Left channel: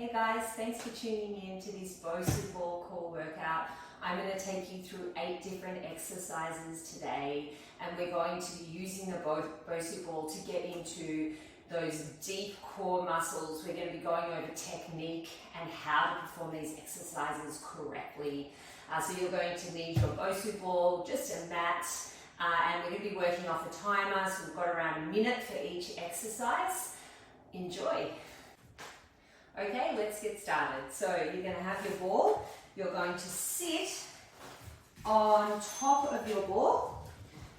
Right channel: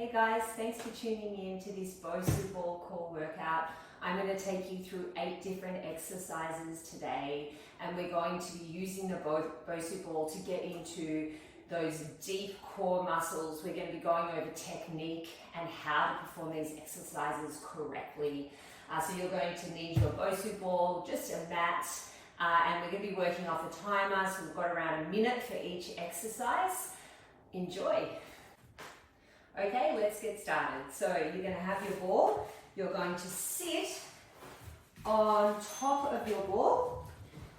Hey guys, thanks for tuning in to this Bosu ball core workout. I'm going to take you through 8 different exercises today, and we're going to be using the Bosu ball to get into those deep core muscles. We're going to be going over technique and how to perform these exercises correctly. So you're going to need your Bosu ball, just a mat, and we're going to be working off a timer, so we've got around a minute for each exercise. Enjoy! Okay, let's get started. So you're going to have your ball. You're going to sit on top of your ball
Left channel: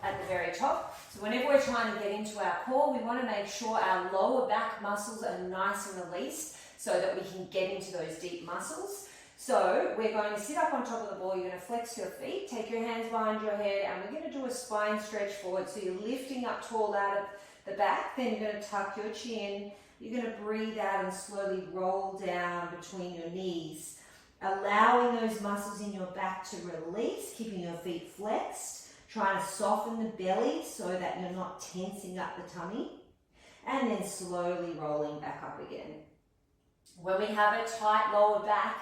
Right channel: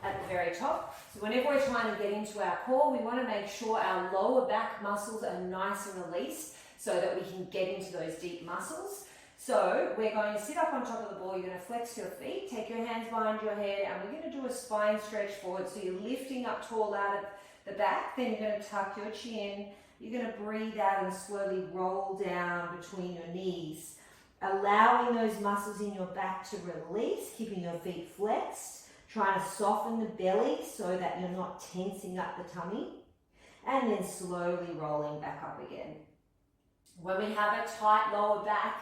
at the very top. So whenever we're trying to get into our core, we want to make sure our lower back muscles are nice and released so that we can get into those deep muscles. So we're going to sit up on top of the ball. You're going to flex your feet, take your hands behind your head, and we're going to do a spine stretch forward. So you're lifting up tall out of the back, then you're going to tuck your chin. You're going to breathe out and slowly roll down between your knees, allowing those muscles in your back to release, keeping your feet flexed, trying to soften the belly so that you're not tensing up the tummy, and then slowly rolling back up again. When we have a tight lower back,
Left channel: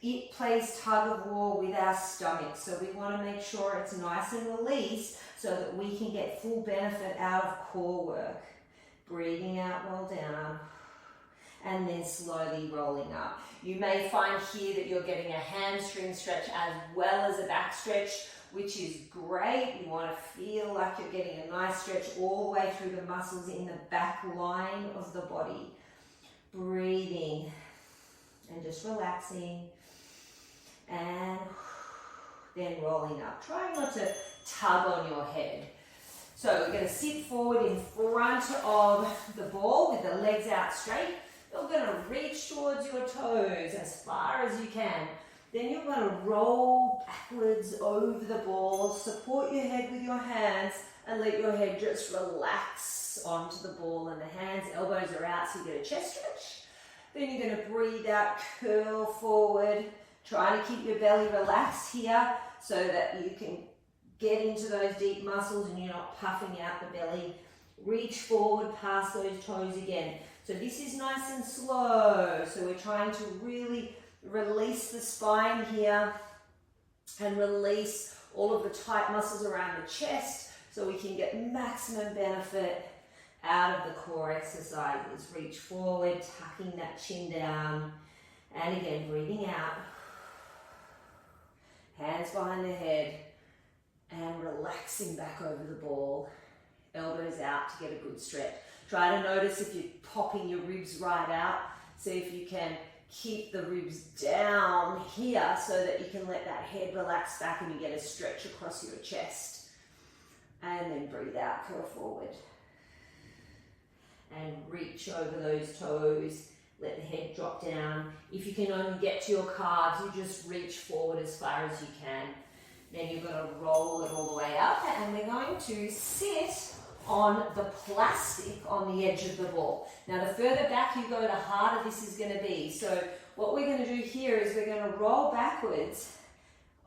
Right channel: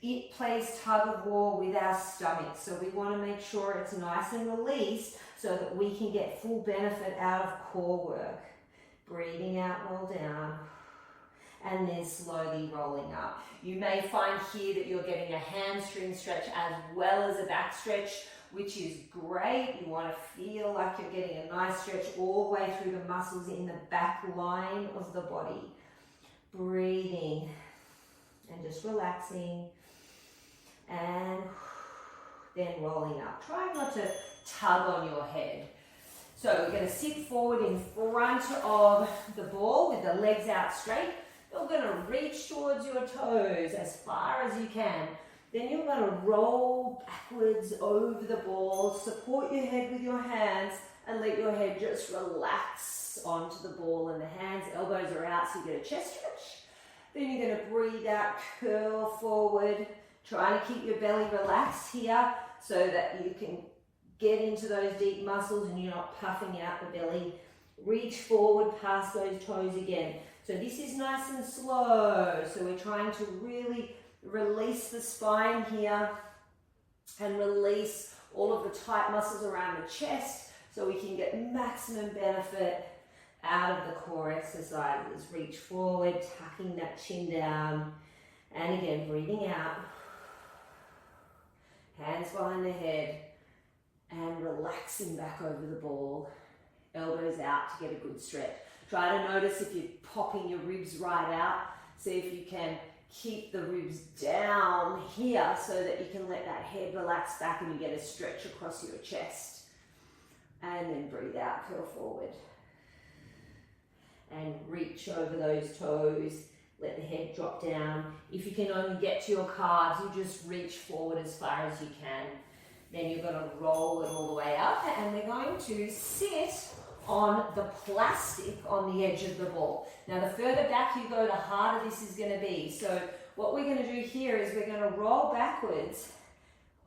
it plays tug of war with our stomach, so we want to make sure it's nice and released so that we can get full benefit out of core work. Breathing out, roll down, and then slowly rolling up. You may find here that you're getting a hamstring stretch as well as a back stretch, which is great. You want to feel like you're getting a nice stretch all the way through the muscles in the back line of the body. Breathing and just relaxing, and then rolling up. Try not to tug on your head. So we're going to sit forward in front of the ball with the legs out straight. You're going to reach towards your toes as far as you can. Then you're going to roll backwards over the ball, support your head with your hands, and let your head just relax onto the ball, and the hands, elbows are out so you get a chest stretch. Then you're going to breathe out, curl forward, trying to keep your belly relaxed here so that you can get into those deep muscles and you're not puffing out the belly. Reach forward past those toes again. So this is nice and slow. So we're trying to really release the spine here and release all of the tight muscles around the chest so we can get maximum benefit out of the core exercises. Reach forward, tucking that chin down, and again, breathing out. Hands behind the head. And relaxing back over the ball, elbows out to get a good stretch. Try to notice if you're popping your ribs right out. See if you can keep the ribs down here so that you can let that head relax back and you get a stretch across your chest. And then breathe out, curl forward. And reach over those toes. Let the head drop down. If you can only get to your calves, you just reach forward as far as you can. Then you're going to roll it all the way up, and we're going to sit on the plastic on the edge of the ball. Now the further back you go, the harder this is going to be. So what we're going to do here is we're going to roll backwards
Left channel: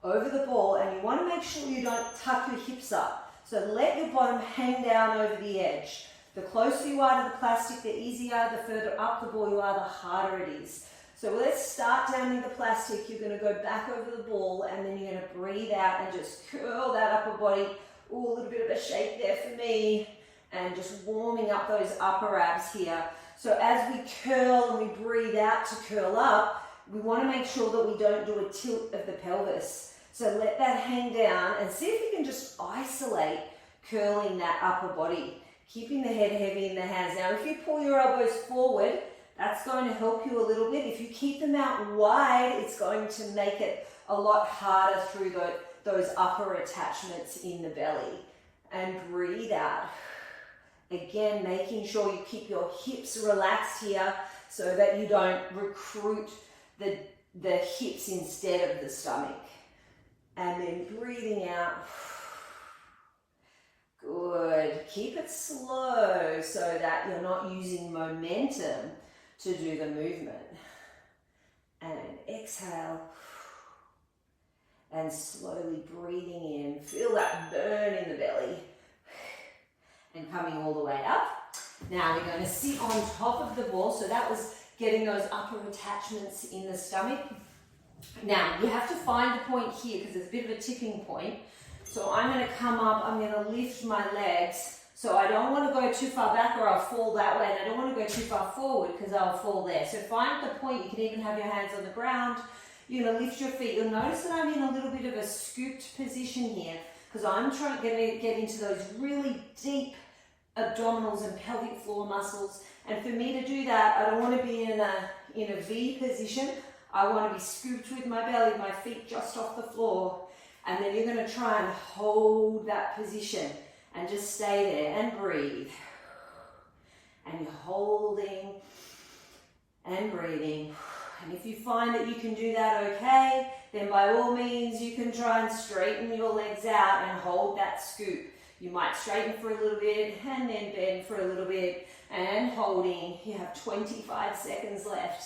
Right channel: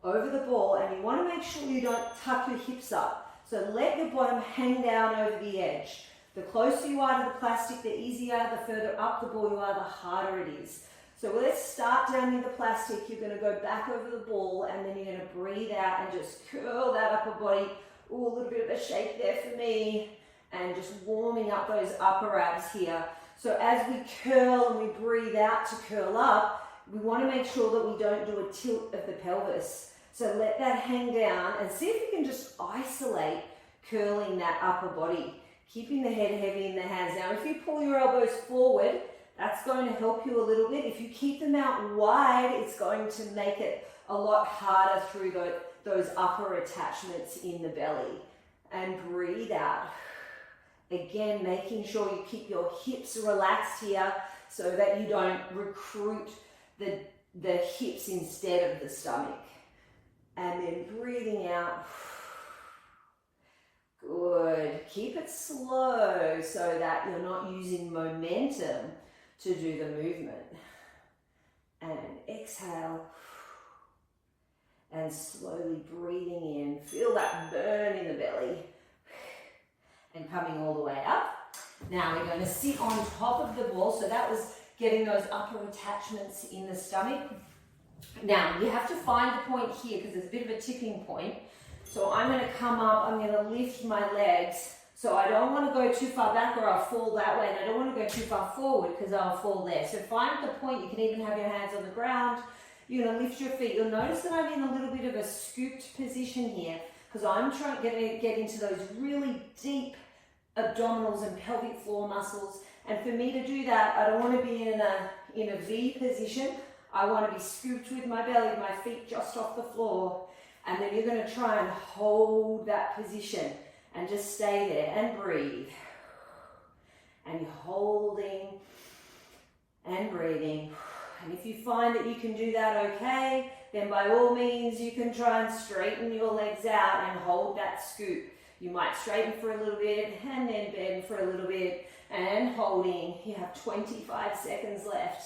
over the ball, and you want to make sure you don't tuck your hips up. So let your bottom hang down over the edge. The closer you are to the plastic, the easier. The further up the ball you are, the harder it is. So let's start down in the plastic. You're going to go back over the ball, and then you're going to breathe out and just curl that upper body. Ooh, a little bit of a shake there for me. And just warming up those upper abs here. So as we curl and we breathe out to curl up, we want to make sure that we don't do a tilt of the pelvis. So let that hang down and see if you can just isolate curling that upper body. Keeping the head heavy in the hands. Now, if you pull your elbows forward, that's going to help you a little bit. If you keep them out wide, it's going to make it a lot harder through those upper attachments in the belly. And breathe out. Again, making sure you keep your hips relaxed here so that you don't recruit the hips instead of the stomach. And then breathing out. Good. Keep it slow so that you're not using momentum to do the movement. And exhale. And slowly breathing in. Feel that burn in the belly. And coming all the way up. Now we're going to sit on top of the ball. So that was getting those upper attachments in the stomach. Now, you have to find the point here because there's a bit of a tipping point. So I'm going to come up, I'm going to lift my legs. So I don't want to go too far back or I'll fall that way, and I don't want to go too far forward because I'll fall there. So find the point. You can even have your hands on the ground. You're going to lift your feet. You'll notice that I'm in a little bit of a scooped position here because I'm trying to get into those really deep abdominals and pelvic floor muscles. And for me to do that, I don't want to be in a V position. I want to be scooped with my belly, my feet just off the floor. And then you're going to try and hold that position and just stay there and breathe. And you're holding and breathing. And if you find that you can do that okay, then by all means you can try and straighten your legs out and hold that scoop. You might straighten for a little bit and then bend for a little bit and holding. You have 25 seconds left.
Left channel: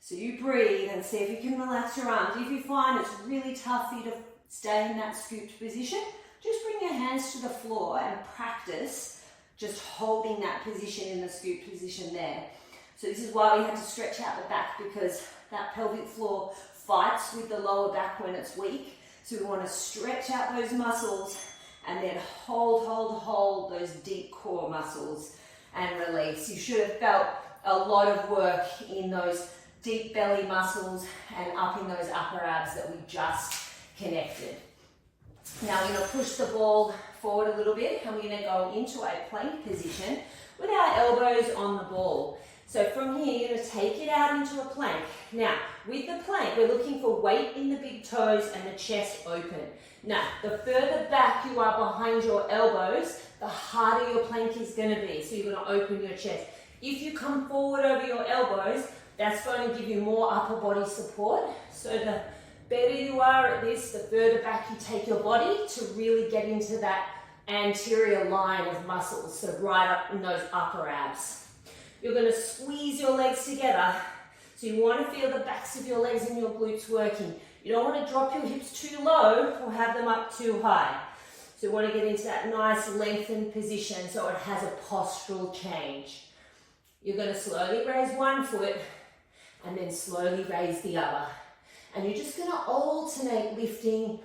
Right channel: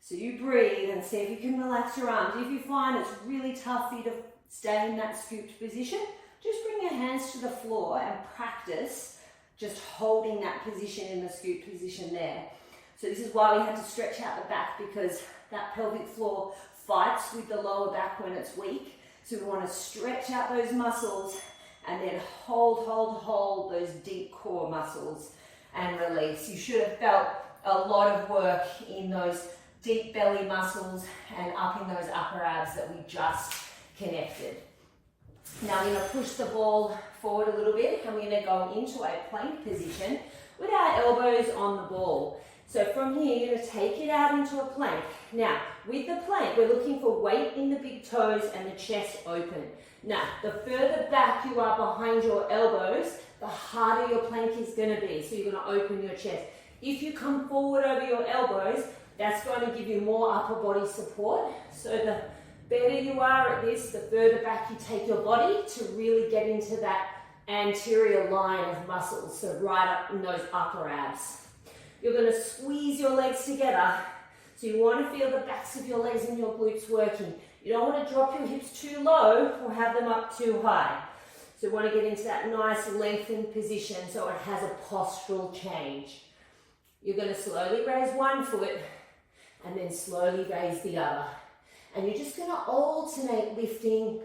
So you breathe and see if you can relax your arms. If you find it's really tough for you to stay in that scooped position, just bring your hands to the floor and practice just holding that position in the scooped position there. So this is why we have to stretch out the back, because that pelvic floor fights with the lower back when it's weak. So we want to stretch out those muscles and then hold those deep core muscles and release. You should have felt a lot of work in those deep belly muscles and up in those upper abs that we just connected. Now we're going to push the ball forward a little bit and we're going to go into a plank position with our elbows on the ball. So from here, you're going to take it out into a plank. Now, with the plank, we're looking for weight in the big toes and the chest open. Now, the further back you are behind your elbows, the harder your plank is going to be. So you're going to open your chest. If you come forward over your elbows, that's going to give you more upper body support. So the better you are at this, the further back you take your body to really get into that anterior line of muscles. So right up in those upper abs. You're going to squeeze your legs together. So you want to feel the backs of your legs and your glutes working. You don't want to drop your hips too low or have them up too high. So you want to get into that nice lengthened position so it has a postural change. You're going to slowly raise one foot and then slowly raise the other. And you're just going to alternate lifting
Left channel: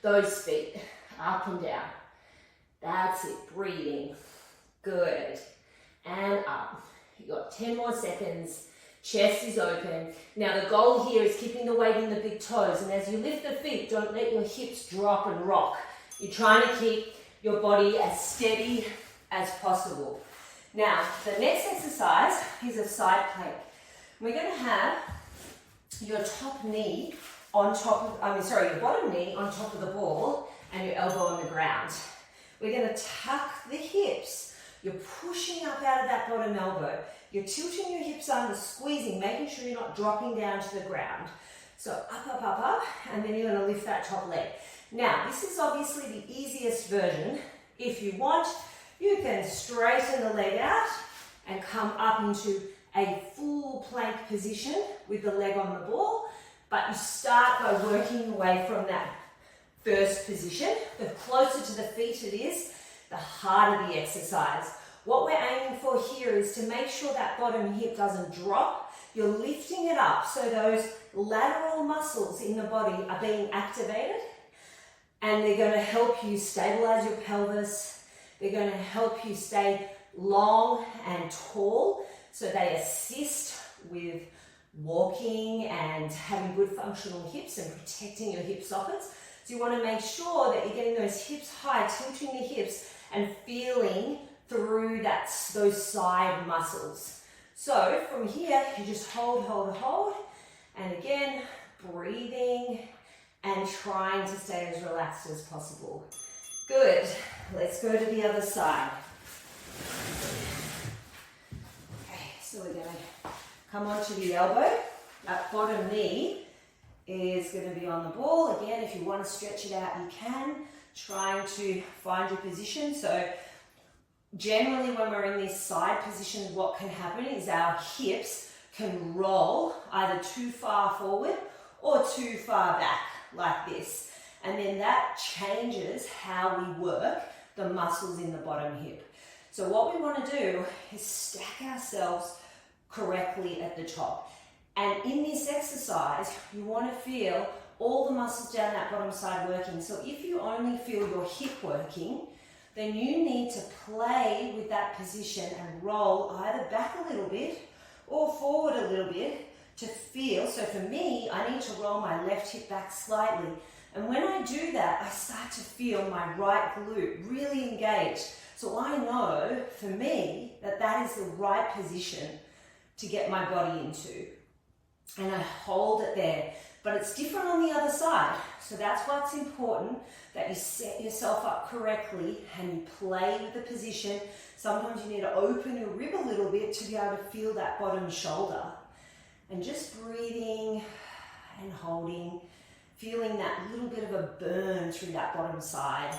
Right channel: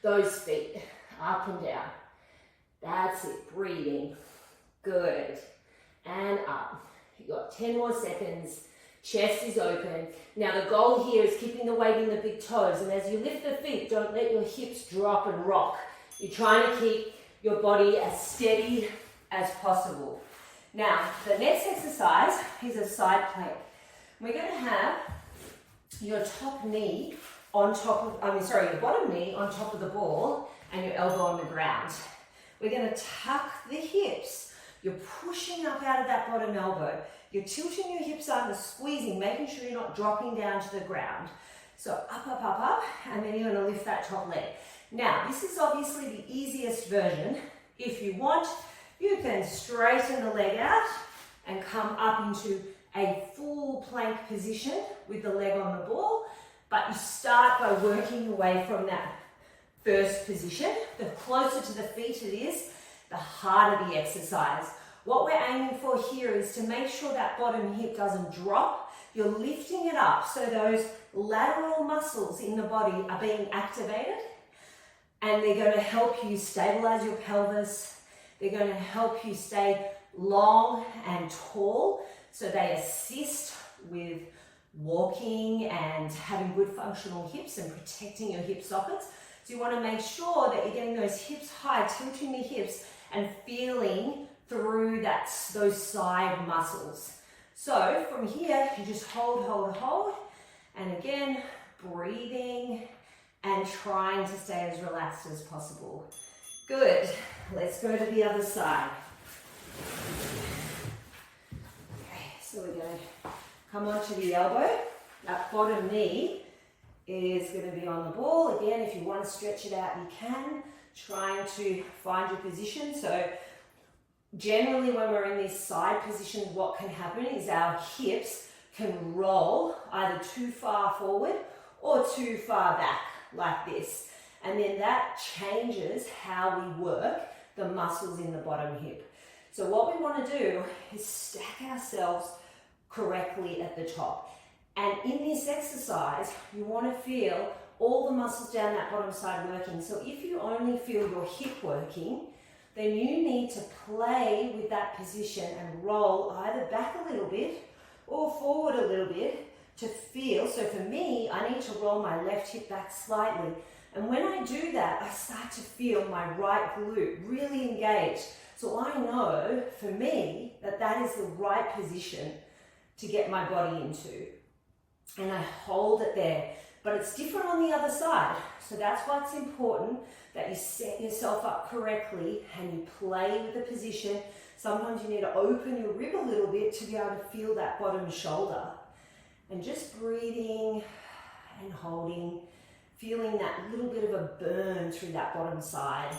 those feet up and down. That's it, breathing. Good. And up. You've got 10 more seconds. Chest is open. Now the goal here is keeping the weight in the big toes. And as you lift the feet, don't let your hips drop and rock. You're trying to keep your body as steady as possible. Now, the next exercise is a side plank. We're going to have your top knee on top of, your bottom knee on top of the ball and your elbow on the ground. We're going to tuck the hips. You're pushing up out of that bottom elbow. You're tilting your hips under, squeezing, making sure you're not dropping down to the ground. So up, and then you're going to lift that top leg. Now, this is obviously the easiest version. If you want, you can straighten the leg out and come up into a full plank position with the leg on the ball, but you start by working away from that first position. The closer to the feet it is, the harder the exercise. What we're aiming for here is to make sure that bottom hip doesn't drop. You're lifting it up so those lateral muscles in the body are being activated, and they're going to help you stabilize your pelvis. They're going to help you stay long and tall, so they assist with walking and having good functional hips and protecting your hip sockets. So you want to make sure that you're getting those hips high, tilting the hips and feeling through those side muscles. So from here, you just hold, and again, breathing and trying to stay as relaxed as possible. Good. Let's go to the other side. Okay, so we're going to come onto the elbow. That bottom knee is going to be on the ball. Again, if you want to stretch it out, you can. Trying to find your position. So generally when we're in this side position, what can happen is our hips can roll either too far forward or too far back like this. And then that changes how we work the muscles in the bottom hip. So what we want to do is stack ourselves correctly at the top. And in this exercise, you want to feel all the muscles down that bottom side working. So if you only feel your hip working, then you need to play with that position and roll either back a little bit or forward a little bit to feel. So for me, I need to roll my left hip back slightly. And when I do that, I start to feel my right glute really engaged. So I know for me that that is the right position to get my body into. And I hold it there. But it's different on the other side. So that's why it's important that you set yourself up correctly and you play with the position. Sometimes you need to open your rib a little bit to be able to feel that bottom shoulder. And just breathing and holding, feeling that little bit of a burn through that bottom side,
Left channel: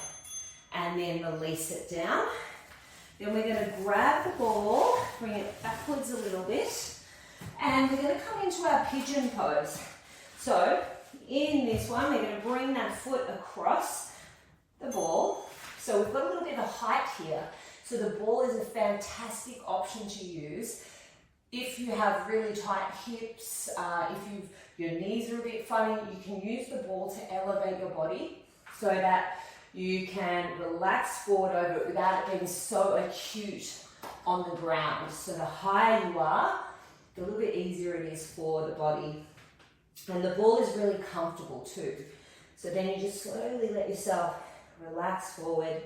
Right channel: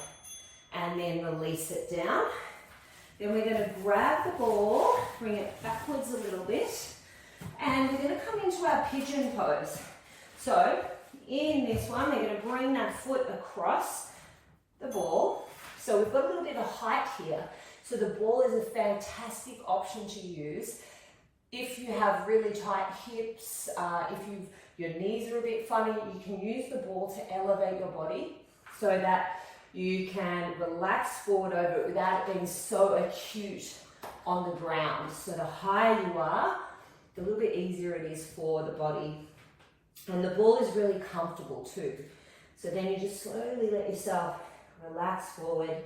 and then release it down. Then we're going to grab the ball, bring it backwards a little bit, and we're going to come into our pigeon pose. So in this one, we're going to bring that foot across the ball. So we've got a little bit of height here. So the ball is a fantastic option to use if you have really tight hips, if your knees are a bit funny. You can use the ball to elevate your body so that you can relax forward over it without it being so acute on the ground. So the higher you are, the little bit easier it is for the body. And the ball is really comfortable too. So then you just slowly let yourself relax forward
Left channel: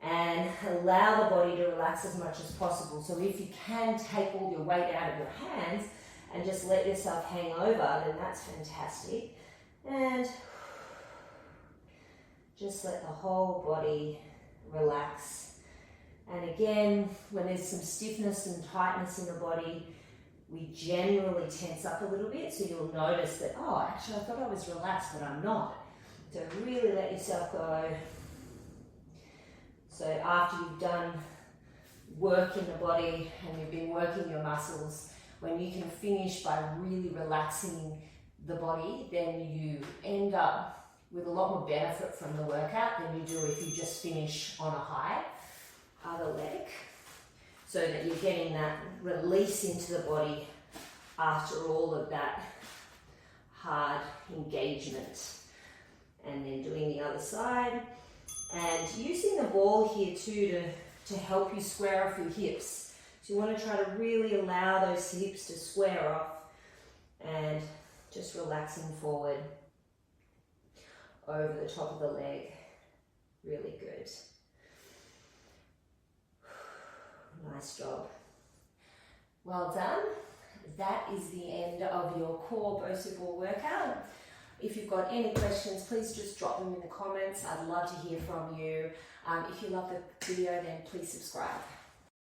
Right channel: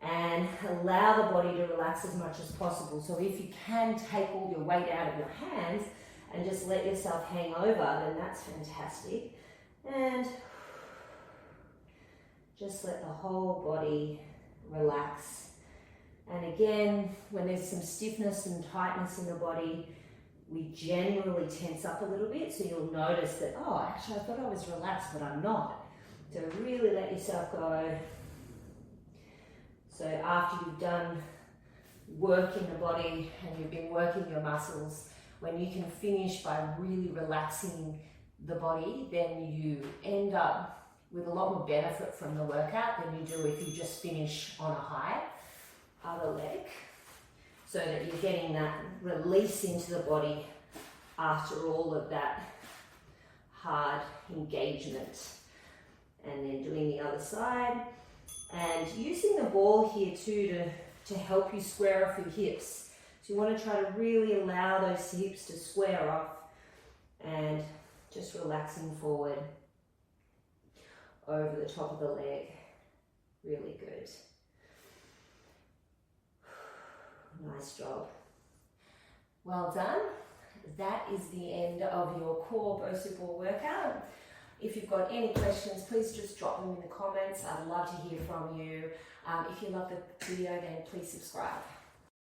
and allow the body to relax as much as possible. So if you can take all your weight out of your hands and just let yourself hang over, then that's fantastic. And just let the whole body relax. And again, when there's some stiffness and tightness in the body, we generally tense up a little bit. So you'll notice that, oh, actually I thought I was relaxed, but I'm not. So really let yourself go. So after you've done work in the body and you've been working your muscles, when you can finish by really relaxing the body, then you end up with a lot more benefit from the workout than you do if you just finish on a high. Other leg, so that you're getting that release into the body after all of that hard engagement. And then doing the other side and using the ball here too to help you square off your hips. So you want to try to really allow those hips to square off and just relaxing forward over the top of the leg. Really good. Nice job. Well done. That is the end of your core Bosu ball workout. If you've got any questions, please just drop them in the comments. I'd love to hear from you. If you love the video, then please subscribe.